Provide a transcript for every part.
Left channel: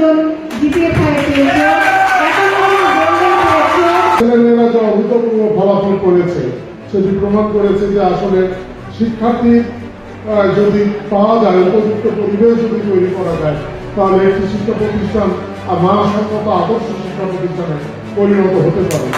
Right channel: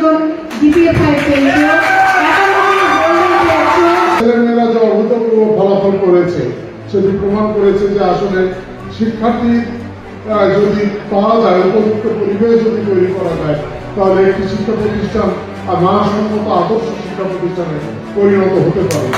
জন GPA পেয়েছে। ছেলেমেয়েরা যে অভূতপূর্ব ফলাফল করেছে সেটি প্রমাণ করেছে যে আসলে শিক্ষার্থী যদি পাওয়া যায়, উপযুক্ত পরিবেশ যদি তৈরি করা যায়, তাহলে একটি শিক্ষা প্রতিষ্ঠান আর মানসম্মত আদর্শ শিক্ষা প্রতিষ্ঠানে পরিণত হতে পারে।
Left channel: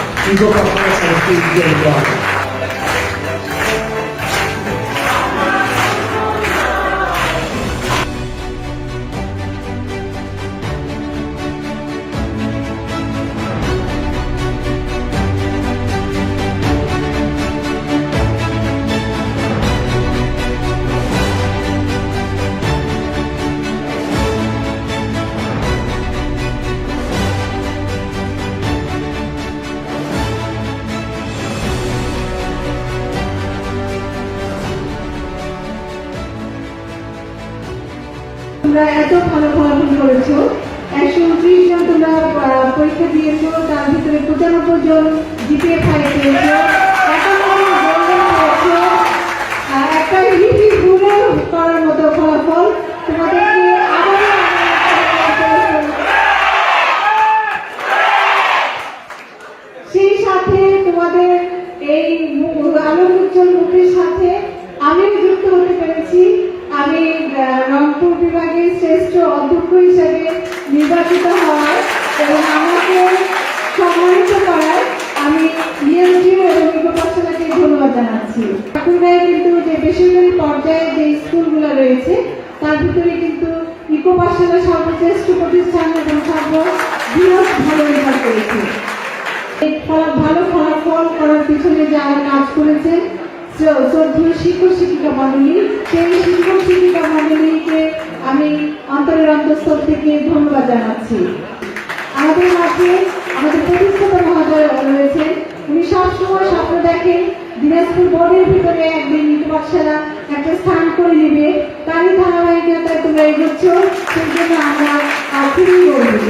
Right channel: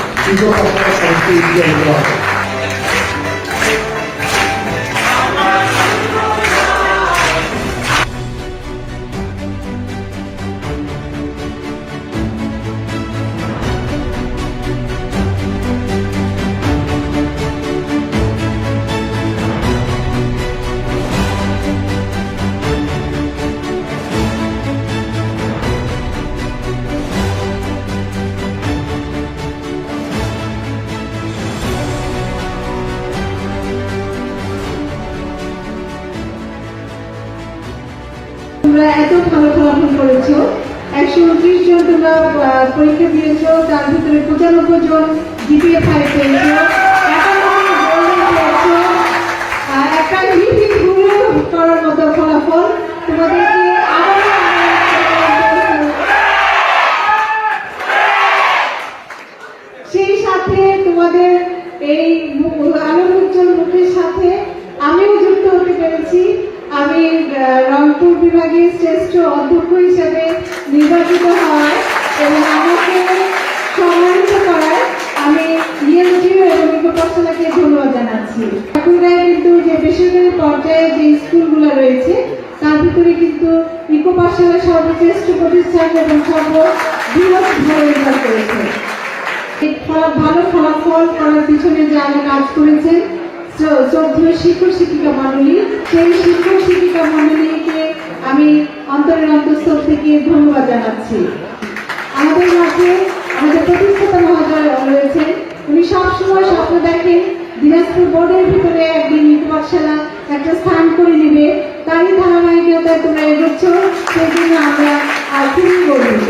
তোমরা এত ভালো ফলাফল করেছো, 129 জন তোমরা পরীক্ষা দিয়েছো, তার ভিতরে 95 জন জিপিএ পেয়েছো। একটা হিট করার মতো ফলাফল। তোমাদেরকে সেই সাথে তোমাদের এই আলোর উজ্জ্বল মুখের সাথে আমিও যুক্ত হতে পেরেছি। আমি রংপুর বিভাগের শ্রেষ্ঠ অধ্যক্ষ হিসেবে নির্বাচিত হওয়ার এবং আমাকে সম্মানিত করার আমি ইএসডিও এবং ইকোপাঠশালাকে ধন্যবাদ জানাচ্ছি। ঠাকুরগাঁয়ে কিন্তু যে বেসরকারি পর্যায়ে যে স্কুলগুলো রয়েছে তার ভিতরে কিন্তু ইকোপাঠশালা সর্বশ্রেষ্ঠ প্রতিষ্ঠান এবং সর্ববৃহৎ ভালো রেজাল্ট করেছে। ভালো ফলাফল করার পিছনে যারা কাজ করেছেন শ্রদ্ধেয় শিক্ষক শিক্ষিকা মন্ডলী, সেই শিক্ষক শিক্ষিকা মন্ডলীকে আমি অন্তরের অন্তঃস্থল থেকে ধন্যবাদ জানাচ্ছি। আমাদের মাঝে আমাদের প্রতিষ্ঠাতা মহোদয় রয়েছেন, উনি সবসময় স্বপ্ন দেখেন দিনাজপুর বোর্ডের ভিতরে একদিন ইকোপাঠশালা একটা স্থান করে নেবে। তারই ধারাবাহিকতায় তোমরা এগোচ্ছ, সেই জন্য আমরা খুবই গর্বিত।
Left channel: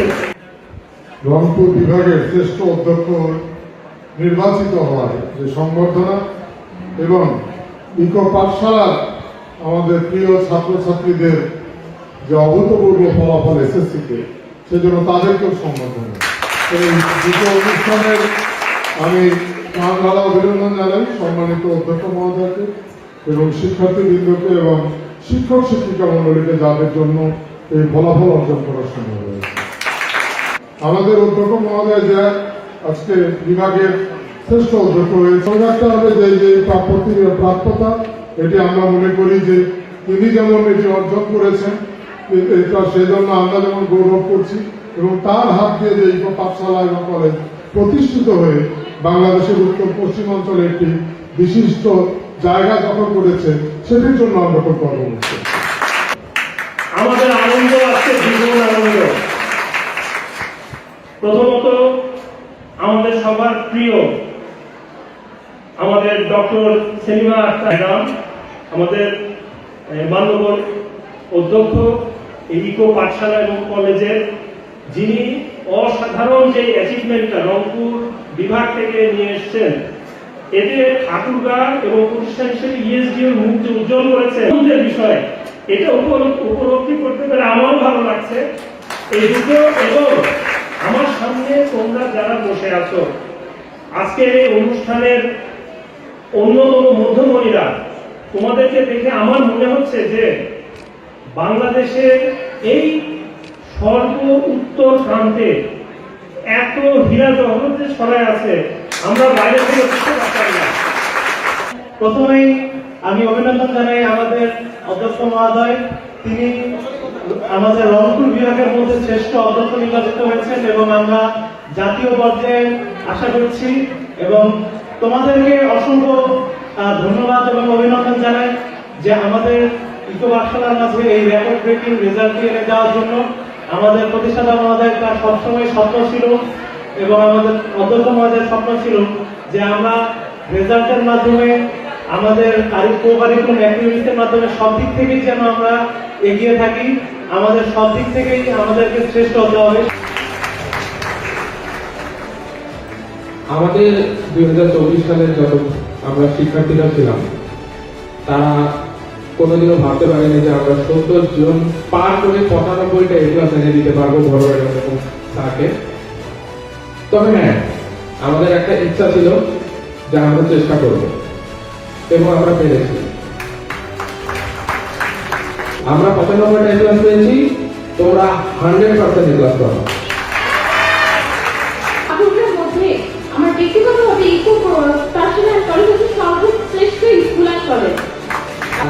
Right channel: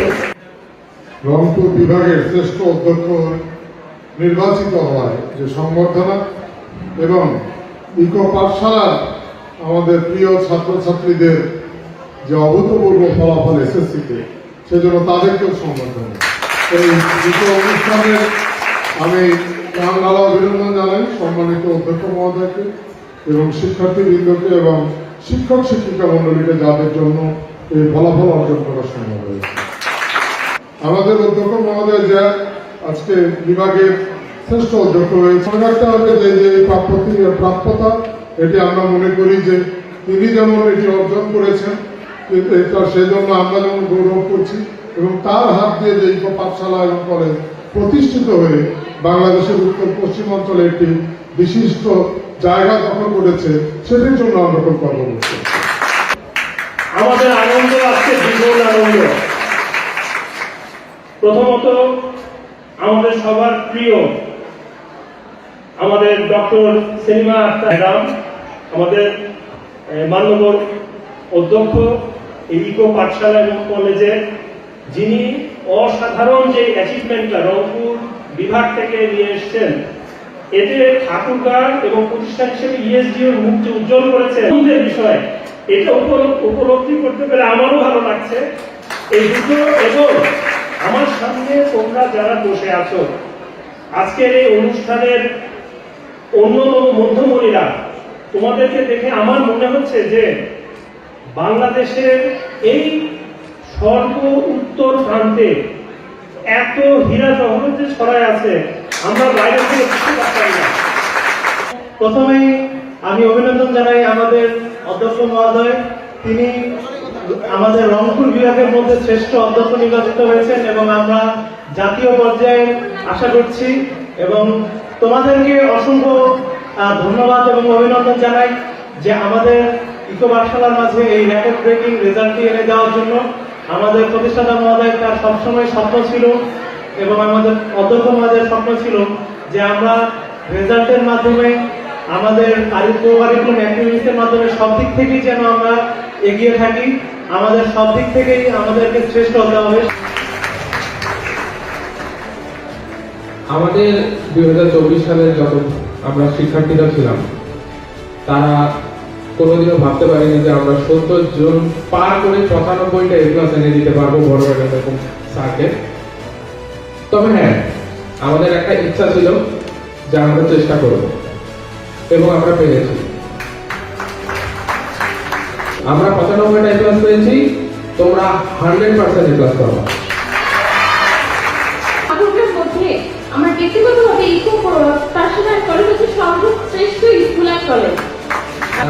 রংপুর বিভাগের শ্রেষ্ঠ অধ্যক্ষ নির্বাচিত হওয়ার যে সংবর্ধনা এবং ইকো পাঠশালার আমাদের প্রিয় ছাত্রছাত্রীদের যে অভূতপূর্ব ফলাফল এসএসসিতে, সেজন্য তাদেরকেও সম্বর্ধনা। এই দুটো অনুষ্ঠানের আমি প্রাণ ঢালা অভিনন্দন জানাই সম্মানিত অধ্যক্ষ মহোদয়কে এবং শিক্ষার্থীবৃন্দকে এবং শিক্ষক শিক্ষিকা মন্ডলীকে, যাদের জন্য এই ফলাফল অর্জন করার সম্ভব হয়েছে। আমাদের অধ্যক্ষ মহোদয় যে আজকে বিভাগের শ্রেষ্ঠ অধ্যক্ষ হয়েছে, মনে রাখতে হবে যে প্রাপ্যতা এটি আমরা মনে করি যে তিনি যেমন এটি অর্জন করেছেন, সেই জন্য আমরা যেমন গৌরব করছি এবং তার হাত দিয়ে যে ইকো পাঠশালা এবং কলেজ প্রতিষ্ঠিত হয়ে বাংলাদেশের উত্তর পশ্চিম অঞ্চলে একটি বিশিষ্ট জায়গা দখল করেছে, সেটির জন্য আমরা খুব গর্ব করছি। আমাদের আনন্দ আছে, দ্বিগুণ আনন্দ। প্রথমত আমাদের সবার প্রিয় আমাদের ডক্টর সেলিমা ম্যাডাম, আমাদের মাননীয় অধ্যক্ষ ইকো পাঠশালা এবং কলেজের, যিনি অসাধারণ যে অ্যাচিভমেন্টটা রংপুর বিভাগ থেকে নিয়ে এসছেন, এতে ঠাকুরগাঁ এবং প্রতিষ্ঠান হিসেবে ইএসডিওর মুখ যে উজ্জ্বল করেছে বিষয়, এটা উপলব্ধি করতে পেরে আমারও ভালো লাগছে। এই দুটো এবং আমার সামনে তোমরা যারা বসে আছো, আজকের এই অনুষ্ঠানের অন্যতম মধ্যমণিরা, তোমাদেরকে দেখে আমার মনে হচ্ছে যে বাংলাদেশের এই সর্ব উত্তর প্রান্তে এত হীরা জহরত যে ছড়ায় আছে, আমরা বাইরে থেকে বুঝতে পারতাম না। প্রথমেই আমি অভিনন্দন জানাই আমাদের অধ্যক্ষ মহোদয়, তিনি আমাদের রংপুর বিভাগের মধ্যে শ্রেষ্ঠ অধ্যক্ষ নির্বাচিত হয়েছেন এবং আমরা জাতীয় পর্যায়ে আশা করছি। এবং তোমাদেরকে অসংখ্য ধন্যবাদ এবং অভিনন্দন জানাই যে আমাদের ইকো পাঠশালার মাঝে এই রেকর্ড ব্রেকিং রেজাল্ট এনে দেওয়ার জন্য। আমাদের প্রতিষ্ঠাতা মহোদয়ের তার সবসময় স্বপ্ন ছিল এবং আমাদের অধ্যক্ষ মহোদয়ের স্বপ্ন ছিল যে আমরা রেজাল্টের মাধ্যমে, আমাদের কারিকুলাম অ্যাক্টিভিটিসের মাধ্যমে সব দিক থেকেই যেন আমরা এগিয়ে থাকি, আমাদের সব দিক থেকেই আমাদেরকে শ্রেষ্ঠ হতে হবে। আমাদের 2024 সালে যখন আমরা শিক্ষার্থীরা ছিলাম, তারা কোনোদিনও ভাবতে পারিনি যে আমরা 70 জন পার করে 95টা এ ক্লাস এনে দিতে পারবো বড় বড় এরকম স্যারকে। তবে হ্যাঁ, আমাদের একটা ইচ্ছা ছিল যে আমরা চেষ্টা করব এবং আমরা পেরেছি। আমরা 95টা এ ক্লাস পেয়েছি, তোমরা 100% এ ক্লাস পাবা। ঠাকুরের মধ্যে আমার ব্যক্তিগতভাবে ইকো পাঠশালার কলেজ হচ্ছে সর্বশ্রেষ্ঠ স্কুল আর কলেজ।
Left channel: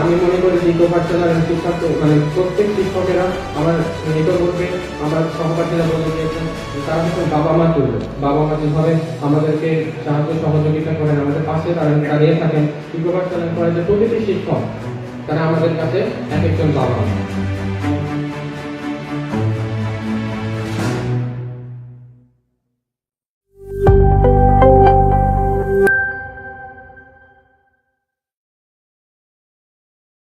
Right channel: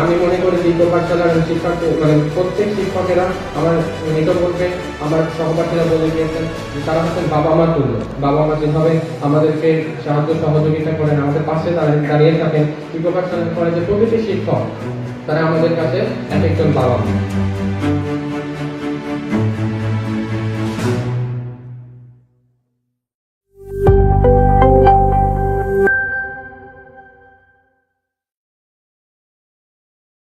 আমি মনে করি ইকো পাঠশালার শিক্ষক মানে প্রত্যেক শিক্ষকেরা আমার নিকটবর্তী আমার সহপাঠীরা বলে গিয়েছেন যে তারা হচ্ছেন বাবা মা তুল্য। বাবা মা যেভাবে আমাদেরকে সাহায্য সহযোগিতা করেন, আমাদের পাশে দাঁড়িয়ে থাকেন, ইকো পাঠশালার কলেজের প্রতিটি শিক্ষক তারা আমাদের কাছে এক একজন বাবা মা।